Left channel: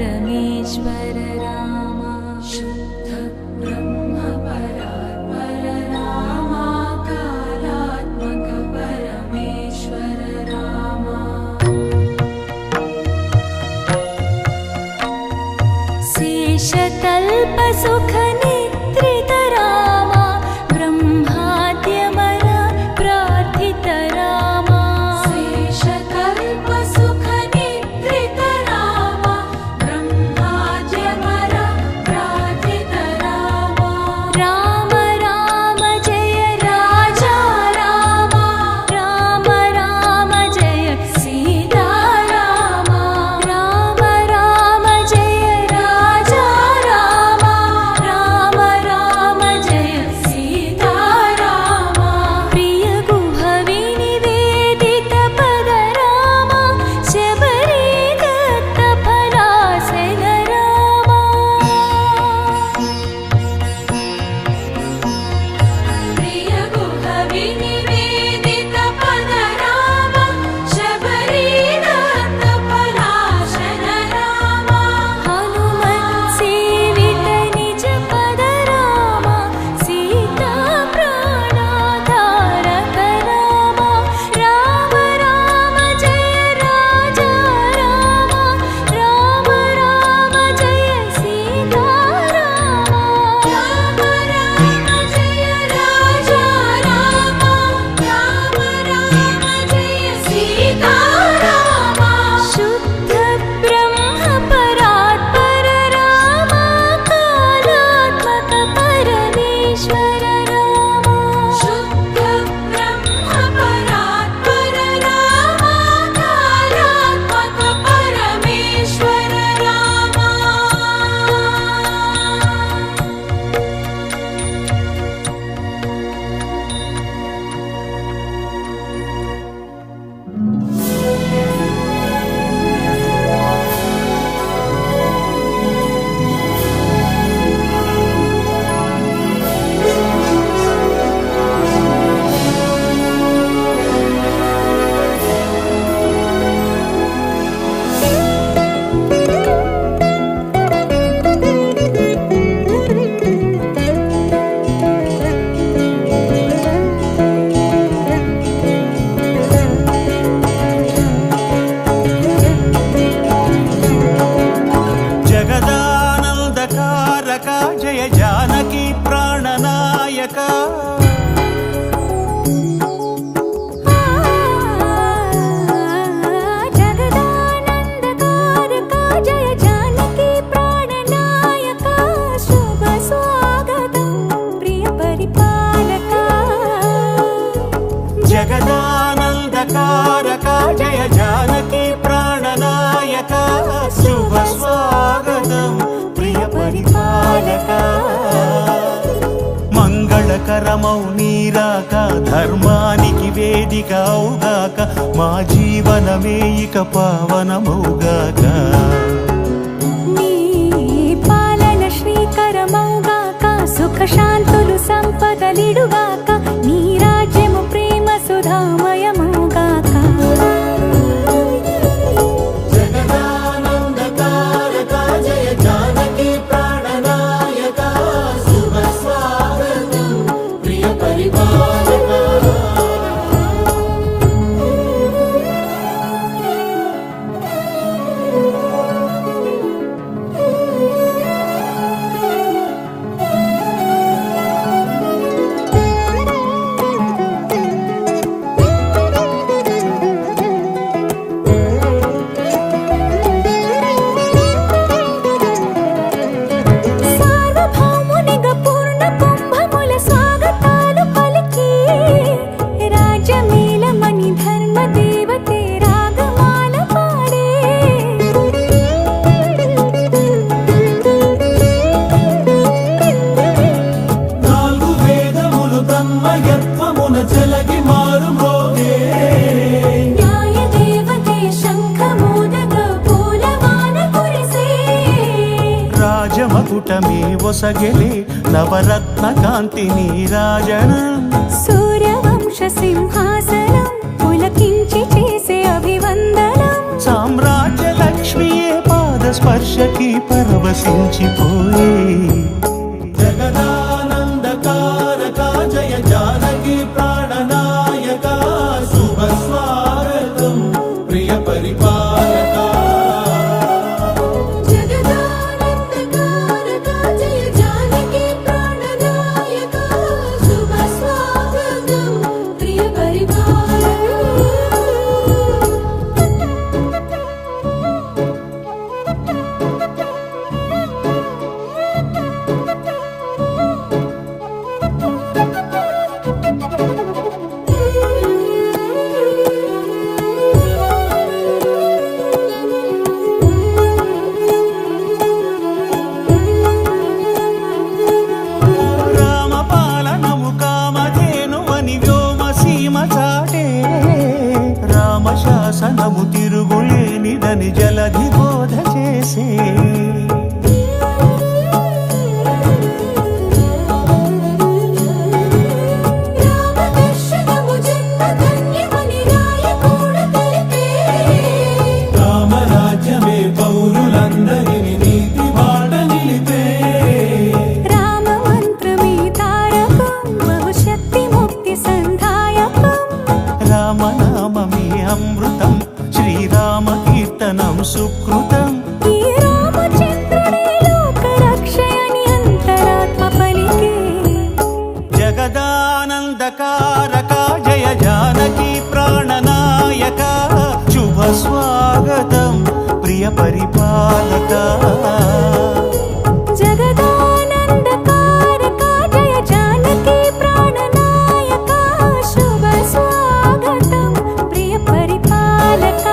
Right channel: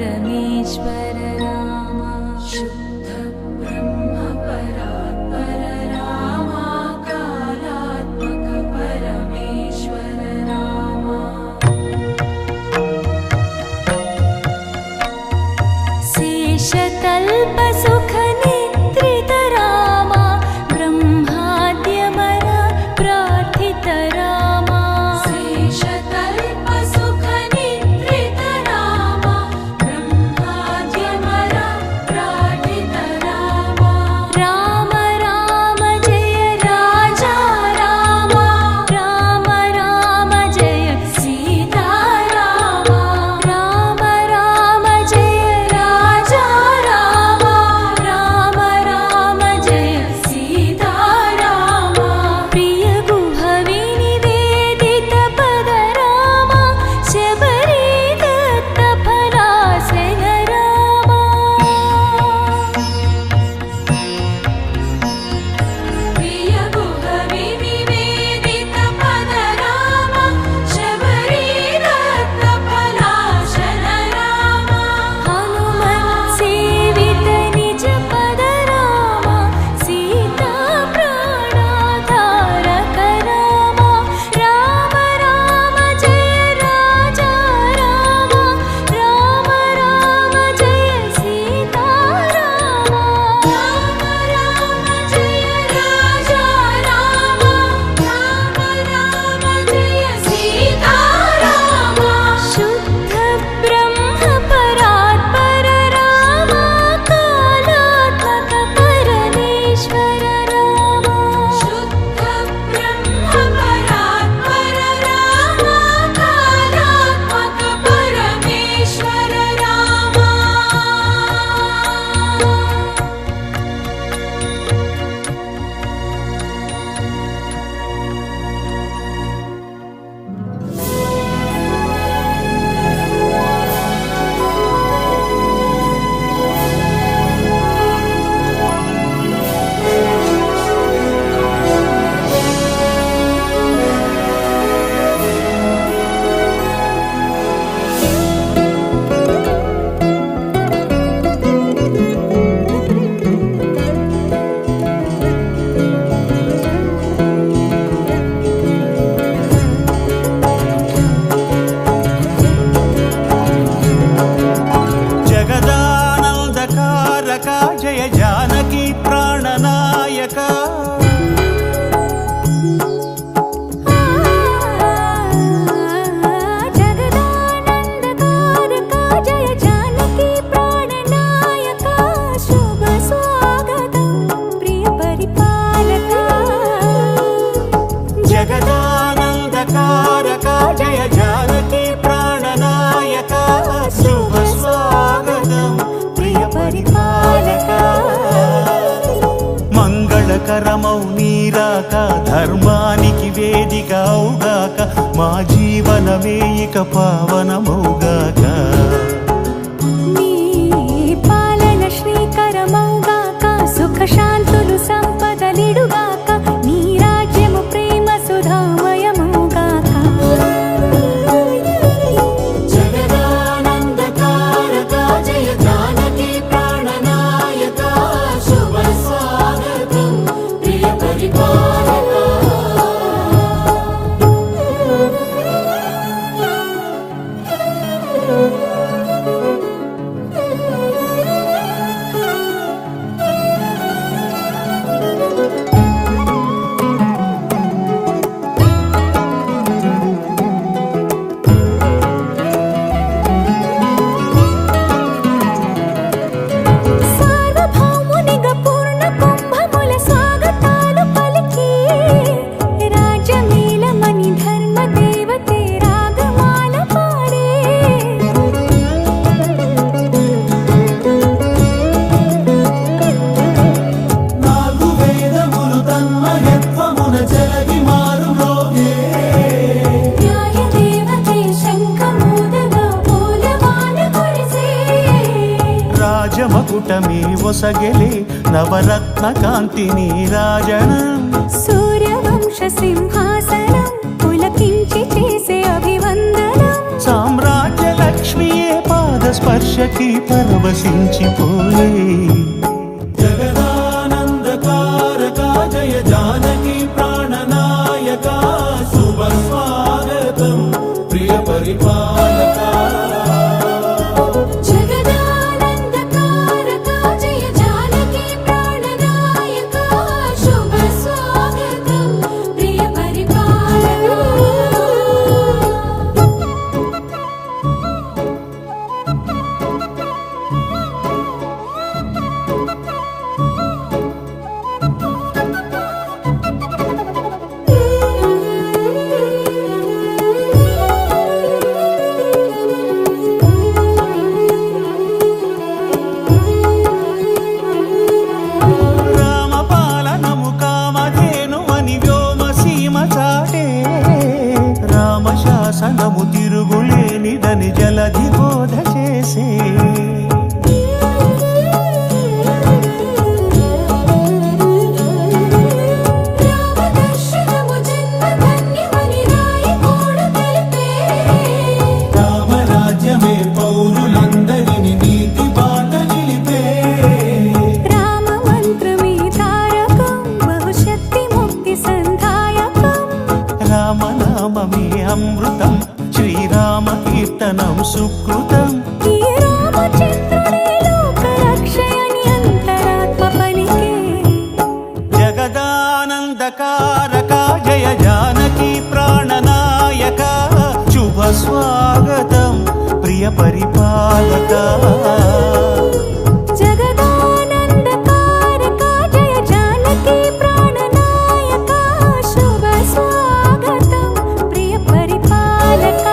परमेश्वर राम शुद्ध ब्रह्म परात्पर राम कालात्मक परमेश्वर राम शेषतल्प सुख निद्रित राम ब्रह्माद्यमर प्रार्थित राम शेषतल्प सुख निद्रित राम ब्रह्माद्यमर प्रार्थित राम राम राम जय राजा राम राम राम जय सीता राम राम राम जय राजा राम राम राम जय सीता राम प्रिय गुह विनिवेदित पद राम शबरी दत्त फलासन राम प्रिय गुह विनिवेदित पद राम शबरी दत्त फलासन राम हनुमत् सेवित निज पद राम सीता प्राणाधारक राम राम राम जय राजा राम राम राम जय सीता राम राम राम जय राजा राम राम राम जय सीता राम शुद्ध ब्रह्म परात्पर राम कालात्मक परमेश्वर राम शुद्ध ब्रह्म परात्पर राम कालात्मक परमेश्वर राम जगदानन्दकारक जय जानकी प्राणनायक जगदानन्दकारक जय जानकी प्राणनायक शुभ स्वागतं प्रिय परिपालक जगदानन्दकारक जय जानकी प्राणनायक शुभ स्वागतं प्रिय परिपालक మంగళకరమౌ నీరాక ధర్మానికి వేదిక అవుగాక మా జీవనమే ఇక పావనమౌగాక నీ పాలన శ్రీకరమౌగాక సుఖ శాంతులు సంపదలిడుగాక నీ రాజ్యము ప్రేమ సుధామయమౌగాక రాజమకుటమే ఒసగెలే నవరత్న కాంతి నీరాజనం సూర్యవంశ సింహాసనం పులకించి చేసే అభివందనం సామ్రాజ్య లక్ష్మియే పాద స్పర్శకి పరవశించిపోయే జగదానందకారక జయ జానకి ప్రాణనాయక శుభ స్వాగతం ప్రియ పరిపాలక జగదానందకారక జయ జానకి ప్రాణనాయక శుభ స్వాగతం ప్రియ రామపాలనము కామధేనువని వ్యోమసీమ చాటే రామశాసనము తిరుగులేనిదని జలధి బోధ చేసే రామదర్శనము జన్మధన్యమని నాయకుడు తెలిపే రామరాజ్యమే పౌరులందరిని నీతి బాట నిలిపే రామమంత్రమే తారకం బహుశక్తి ముక్తి సంధాయకం రామనామమే అమృతం శ్రీరామ కీర్తనం సుకృతం ఈ రామచంద్రుడే లోక రక్షయని అంతరాత్మ పలికే జగదానందకారక జయ జానకి ప్రాణనాయక శుభ స్వాగతం ప్రియ పరిపాలక జగదానందకారక జయ జానకి ప్రాణనాయక శుభ స్వాగతం ప్రియ పరిపాలక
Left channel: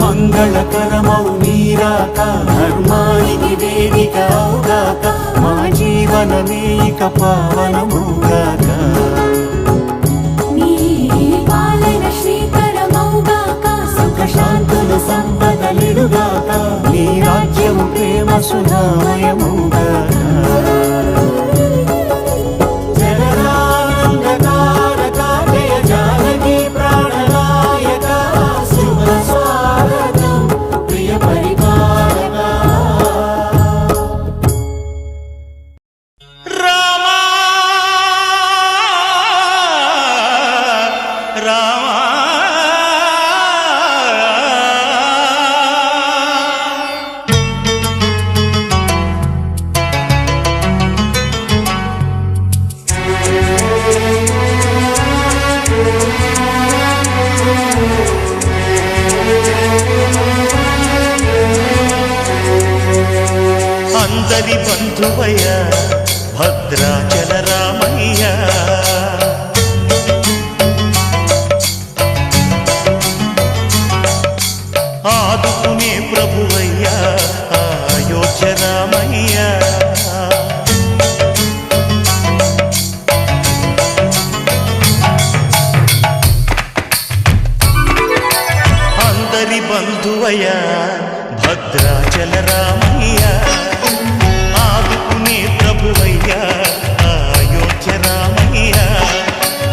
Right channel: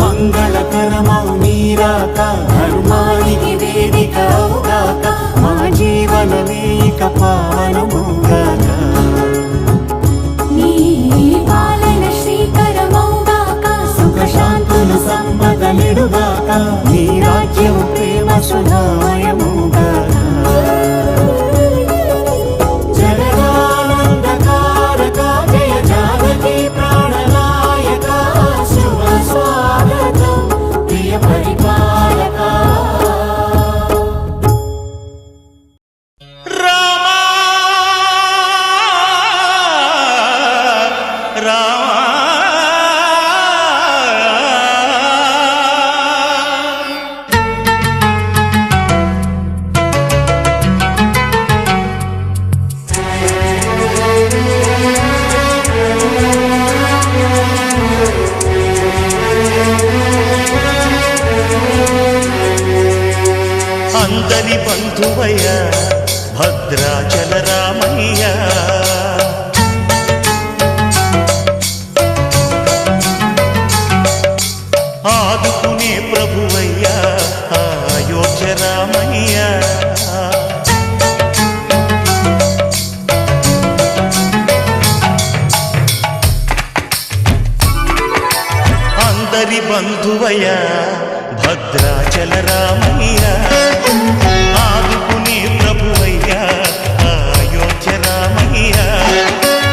మంగళకరమౌ నీరాక ధర్మానికి వేదిక అవుగాక మా జీవనమే ఇక పావనముగాక నీ పాలన శ్రీకరమౌగాక సుఖ శాంతులు సంపదలిడుగాక నీ రాజ్యము ప్రేమ సుధామయముగాక జగదానందకారక జయ జానకి ప్రాణనాయక శుభ స్వాగతం ప్రియ పరిపాలక రామా రామా అందరి బంధువయ్య భద్రాచల రామయ్య ఆదుకునే ప్రభువయ్య అయోధ్య రామయ్య అందరి బంధువయ్య భద్రాచల రామయ్య ఆదుకునే ప్రభువయ్య అయోధ్య రామయ్య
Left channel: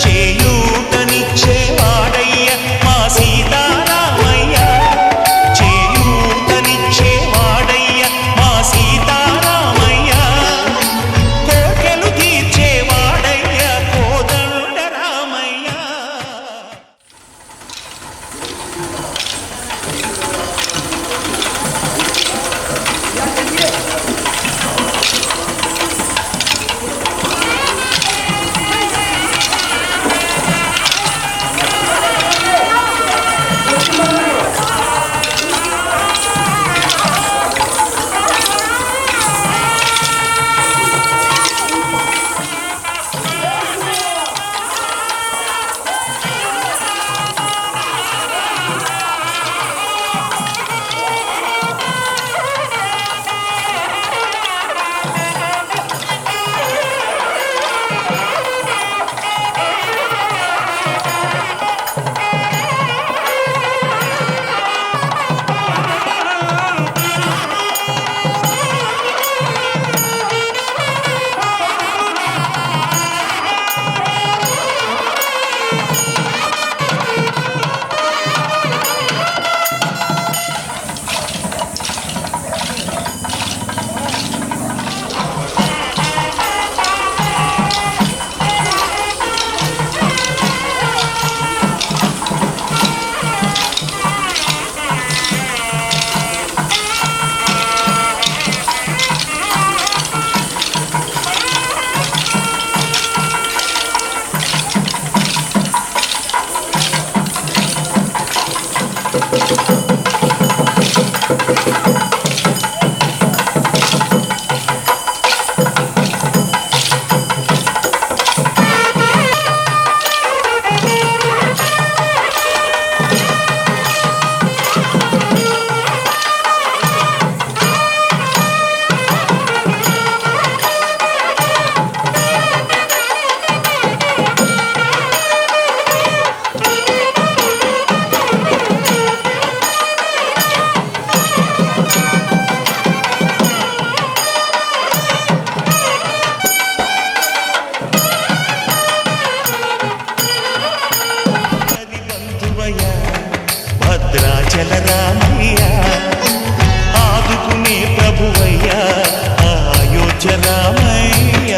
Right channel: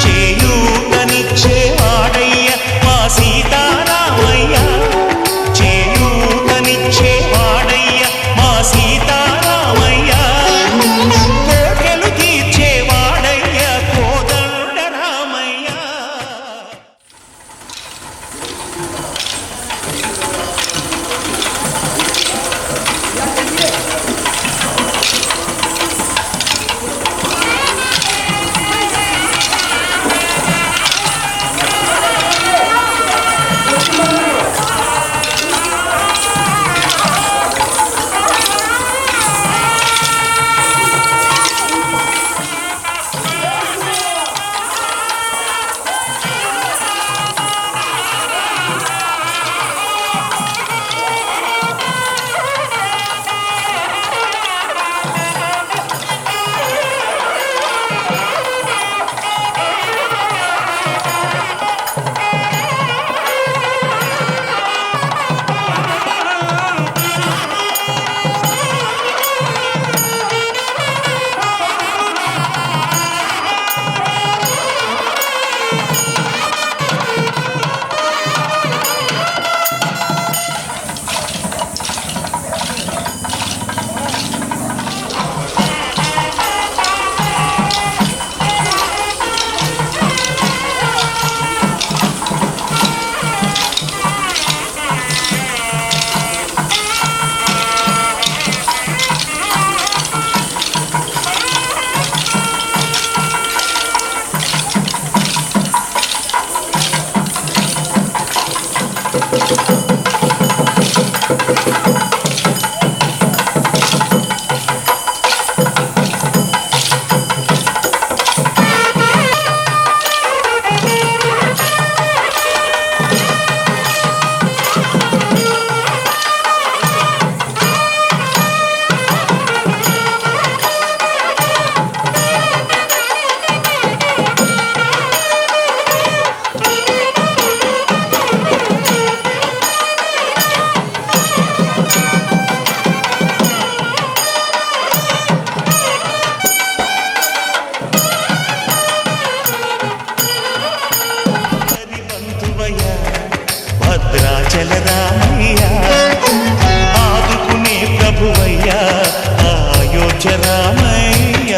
చేయూతనిచ్చేవాడయ్య మా సీతారామయ్య చేయూతనిచ్చేవాడయ్య మా సీతారామయ్య కోర్కెలు తీర్చేవాడయ్య కోదండ రామయ్య భద్రాచల రామయ్య ఆదుకునే ప్రభువయ్యా అయోధ్య రామయ్య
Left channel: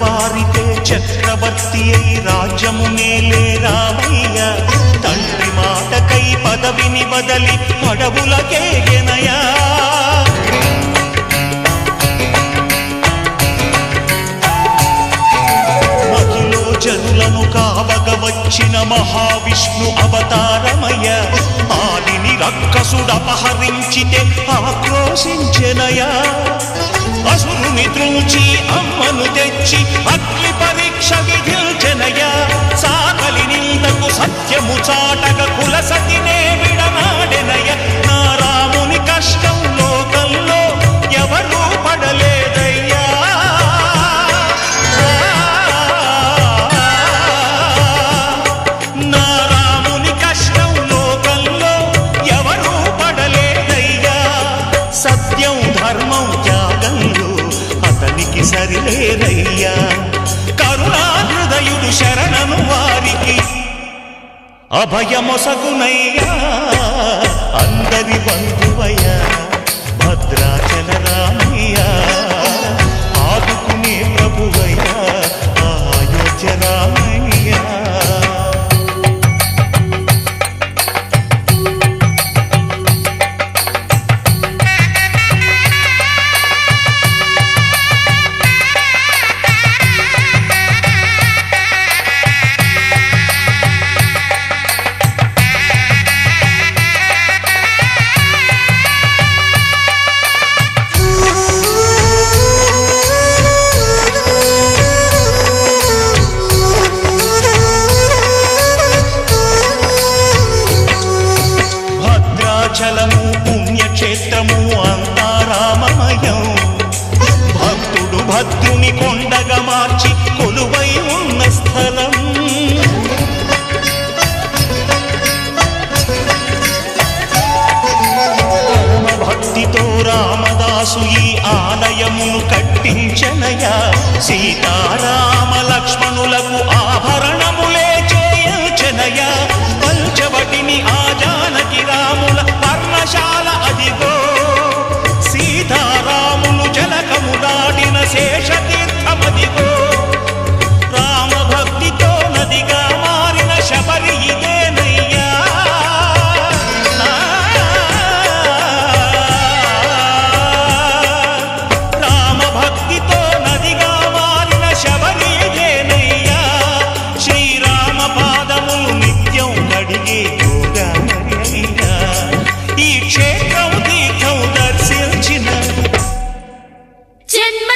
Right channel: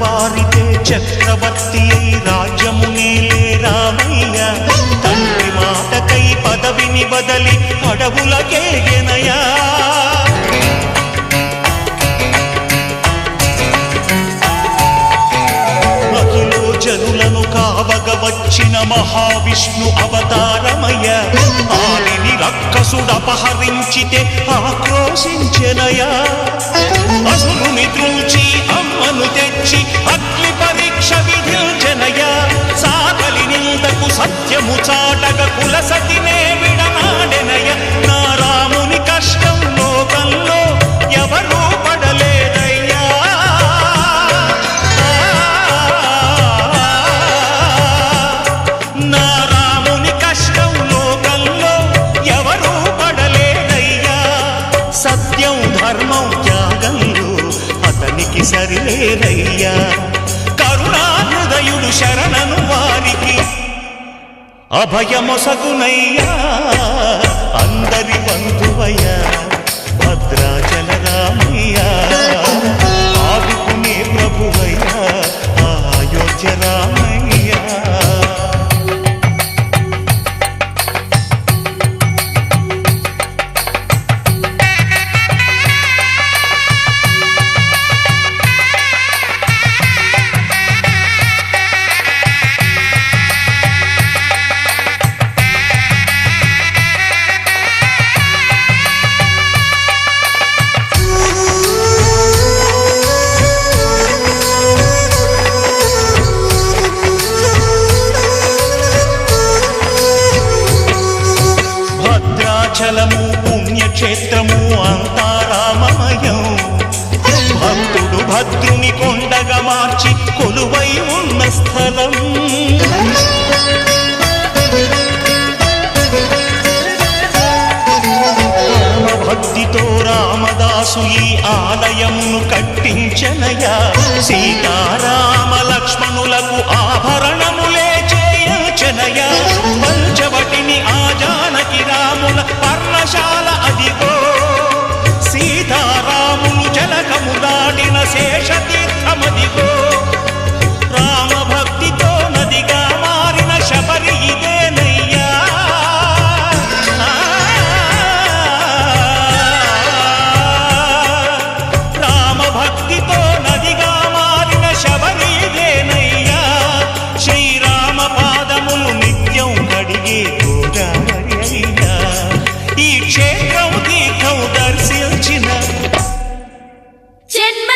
వారితే చక్రవర్తి అయి రాజ్యమునేలే రామయ్య తండ్రి మాటకై పదవిని బదలి అడవులకేగెనయా మహిలో జనులను కావగ వచ్చిన మహావిష్ణు అవతారమయ్య ఆలిని రక్కసుడపహరించితే ఆక్రోశించెనయా అసురుని త్రుంచి అమ్మను తెచ్చి అగ్ని పరీక్ష విధించెనయా సాగలి నిందకు సత్యము చాటగ కులసతినే విడనాడెనయ నా రాముని కష్టం లోకంలో ఎవరూ పడలేదయ్యా నా రాముని కష్టం లోకంలో ఎవరూ పడలేదయ్యా సత్యం ధర్మం త్యాగంలో అతనికి సరిలేరయ్యా కరుణాహృదయుడు శరణను వారికి అభయమొసగునయ్యా అందరి బంధువయ్యా భద్రాచల రామయ్య ఆదుకునే ప్రభువయ్యా అయోధ్య రామయ్య భద్రాచలము పుణ్యక్షేత్రము అంతా రామమయం భక్తుడు భద్రుని కొండగా మార్చి కొలువై ఉన్న స్థలం పరమ భక్తితో రామదాసు ఈ ఆలయమును కట్టించనయా సీతారామ లక్ష్మణులకు ఆభరణములే చేయచనయా పంచవటిని ఆ జానకి రాముల పర్ణశాల అదిగో సీతారాములు జలకములాడిన శేషతీర్థమదిగో రామభక్తితో నదిగా మారిన శబరి ఇదేనయ్యా రామభక్తితో నదిగా మారిన శబరి ఇదేనయ్యా శ్రీరామ పాదములు నిత్యం కడిగే గోదావరి అయ్యా ఈ క్షేత్రం తీర్థం దర్శించిన జన్మ